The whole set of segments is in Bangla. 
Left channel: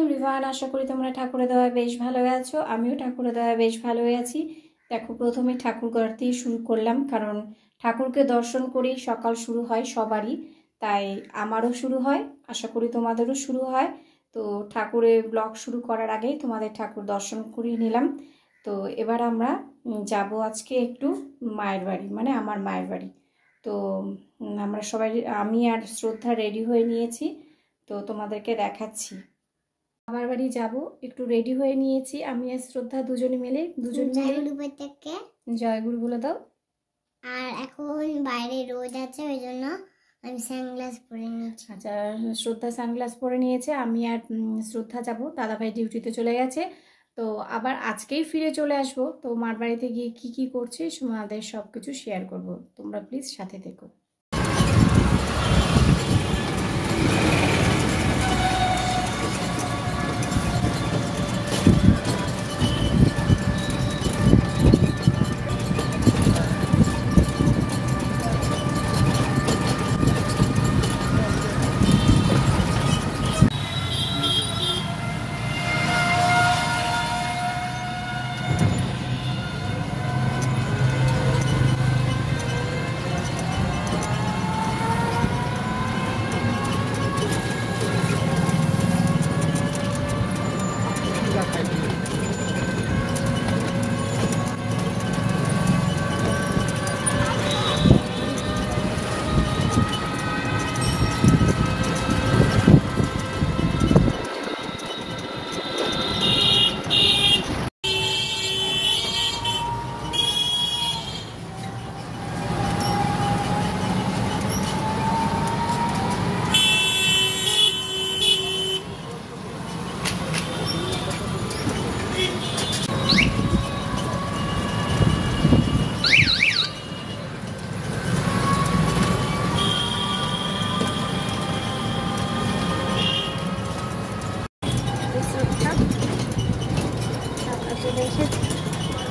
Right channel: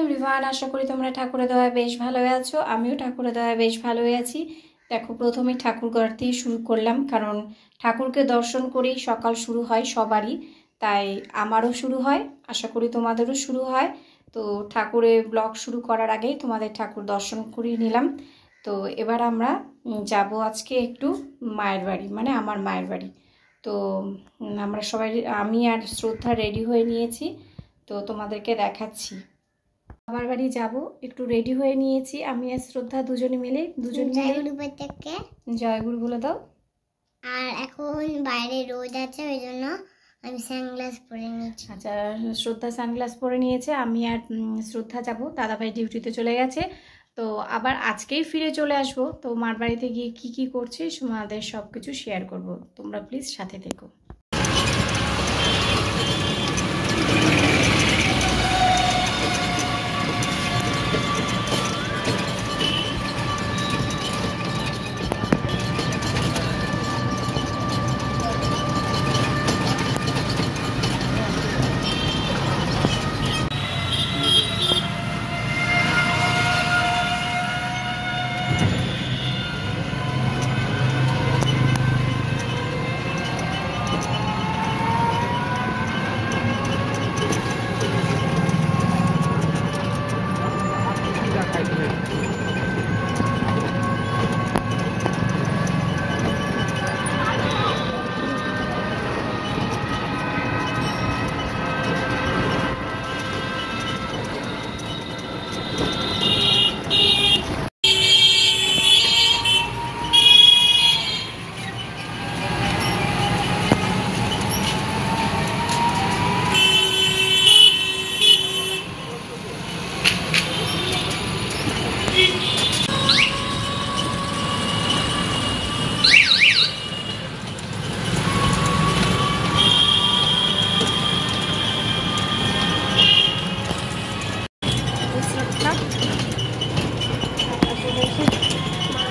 এভরিওয়ান, আশা করি তোমরা ঠাকুরের দয়ায় বেশ ভালো আছো। আমিও ঠাকুরের দয়ায় বেশ ভালো আছি। দেখো, প্রথমেই ঠাকুর ঘর দিয়ে শুরু করলাম, কারণ ঠাকুরকে দর্শন করেই সকাল শুরু হয় সবারই, তাই আমারও শুরু হয়, আশা করি তোমাদেরও শুরু হয়। তো ঠাকুরের ব্লগ শুরু করার আগেই তোমাদের ঠাকুর দর্শন করিয়ে নিলাম। তো এবার আমরা যাব আজকে একটু মায়ের বাড়ি, মানে আমার মায়ের বাড়ি। তো আমরা সবাই, আমি আর শ্রদ্ধা রেডি হয়ে নিয়েছি, তো তোমাদেরকে দেখাচ্ছি। আমার বাড়ি যাব, একটু রেডি হয়ে নিয়েছি আমি আর শ্রদ্ধা দুজনে মিলে। জয়গুরু বলে দাও। আর এখন বাইরে রোদ আছে, ওই জন্য আমি সানগ্লাস পরে নিয়েছি। আচ্ছা, শ্রদ্ধা সানগ্লাস পরে নিয়েছে। আমি আর শ্রদ্ধা যাব, দাদাভাই ডিউটিতে চলে গেছে, তো আবার আজকেই ফিরে চলে আসবো। তো মার বাড়িতে গিয়ে কি কি করছি তোমাদের সব কিছু শেয়ার করব, তোমরা প্লিজ সাথে থেকো।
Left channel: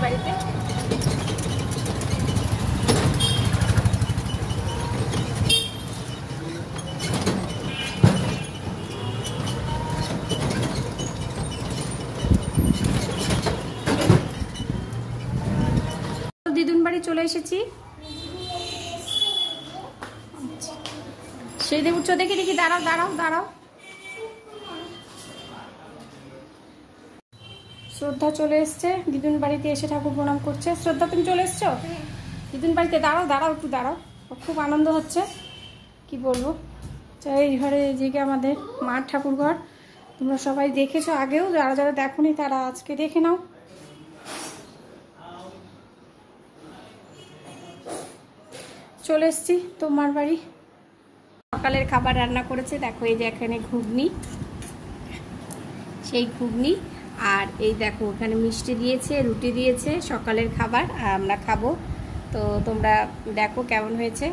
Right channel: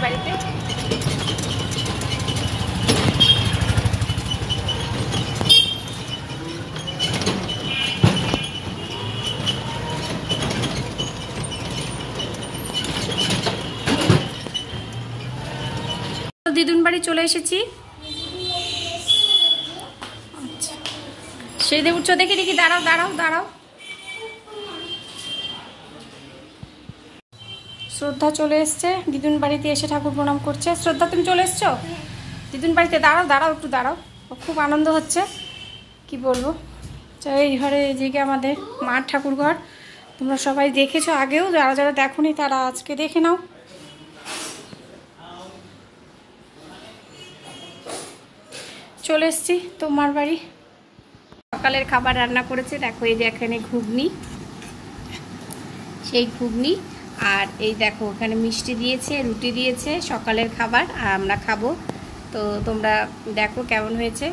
বাড়িতে দিদুন বাড়ি চলে এসেছি। আচ্ছা, সিঁড়িতে উঠছো, দেখি দেখি, দাঁড়াও দাঁড়াও দাঁড়াও। শ্রদ্ধা চলে এসছে, দিদুন বাড়িতে এসে ঠাকুর প্রণাম করছে। শ্রদ্ধা, তুমি চলে এসছো দিদুন বাড়িতে? দাঁড়াও দাঁড়াও, একটু দাঁড়াও, খুব আনন্দ হচ্ছে, কি বলবো। এই ঘরে যেকে আমাদের মার ঠাকুর ঘর, তোমরা সবাই দেখেছো আগেও, যারা যারা দেখোনি তারা আজকে দেখে নাও। চলে এসছি তোমার বাড়ি। সকালের খাবার রান্না করেছে, দেখো এই যে এখানে ঘুগনি, সেই ঘুগনি, আর এই দেখো ওখানে মিষ্টি দিয়েছে, রুটি দিয়েছে, সকালের খাবার, আর আমরা খাবো। তো তোমরা দেখো কেমন হয়েছে।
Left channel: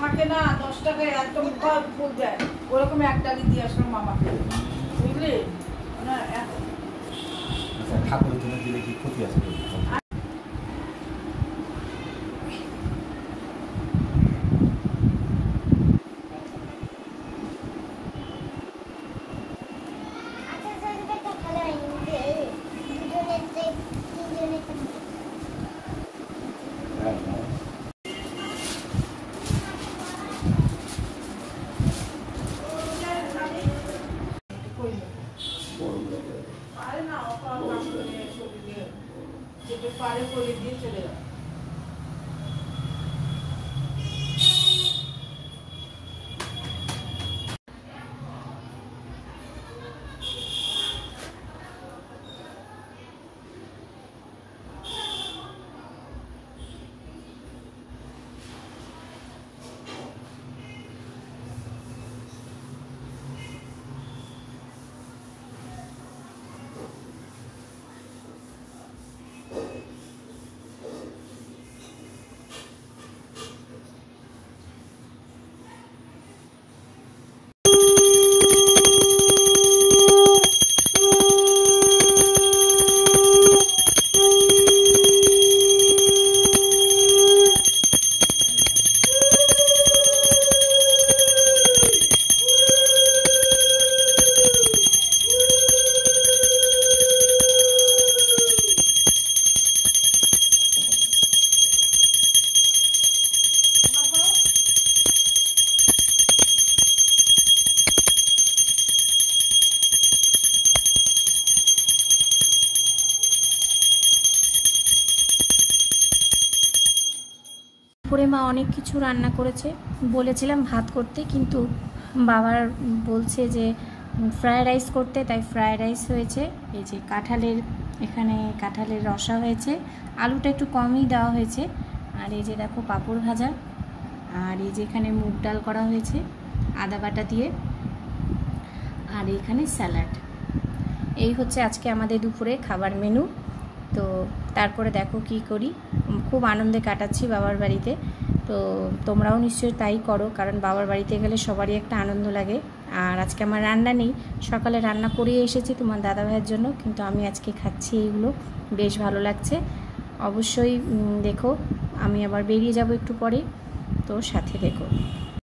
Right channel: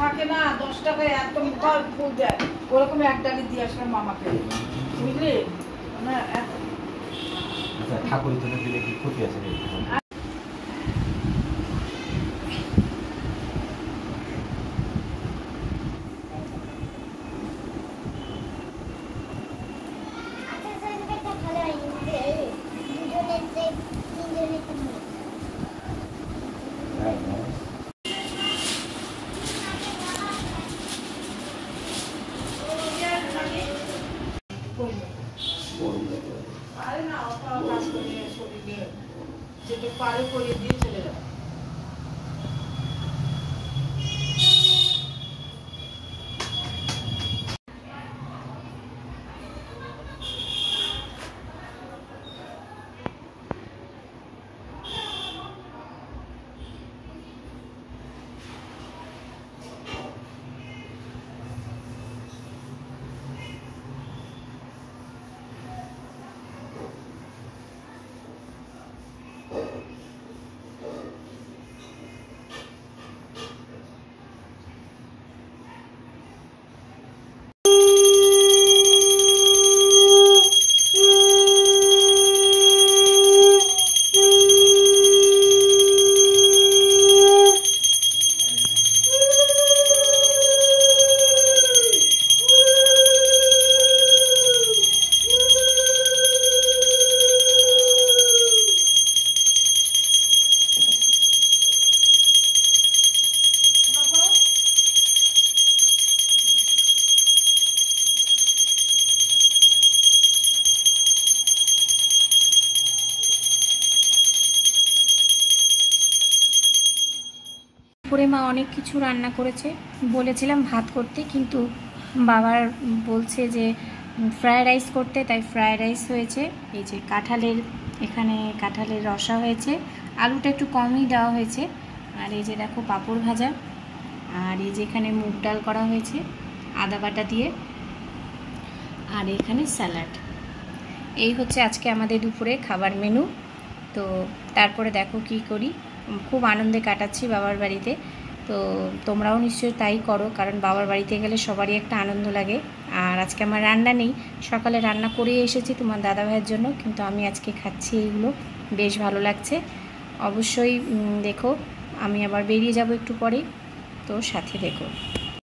থাকে না 10 টাকায় একদম ফল ফুল দেয়, ওরকম একটা দিয়ে আসলাম মামাকে, বুঝলি না। ঠাকুরের জন্য দিলে কি ক্ষতি আছে? দুপুরে মা অনেক কিছু রান্না করেছে, বলেছিলাম ভাত করতে, কিন্তু বাবার বলছে যে ফ্রায়েড রাইস করতে, তাই ফ্রায়েড রাইস হয়েছে। এই যে এখানে কাঁঠালের রসা হয়েছে, আলুটা একটু কমই দেওয়া হয়েছে। আর এই যে দেখো পাঁপড় ভাজা, আর এই যে এখানে মুগ ডাল করা হয়েছে আদা বাটা দিয়ে, আর এখানে স্যালাড। এই হচ্ছে আজকে আমাদের দুপুরে খাবার মেনু। তো তারপরে দেখো কি করি, খুব আনন্দে কাটাচ্ছি বাবার বাড়িতে। তো তোমরাও নিশ্চয়ই তাই করো, কারণ বাবার বাড়িতে গেলে সবারই একটা আনন্দ লাগে। আর আজকে আমার রান্না নেই, সকালে রান্না করেই এসেছি তোমার দাদাভাইয়ের জন্য, কিন্তু আমি আজকে খাচ্ছি এইগুলো, বেশ ভালো লাগছে। অবশ্যই দেখো, আমি আবার বেরিয়ে যাব একটু পরে, তো সাথে দেখো।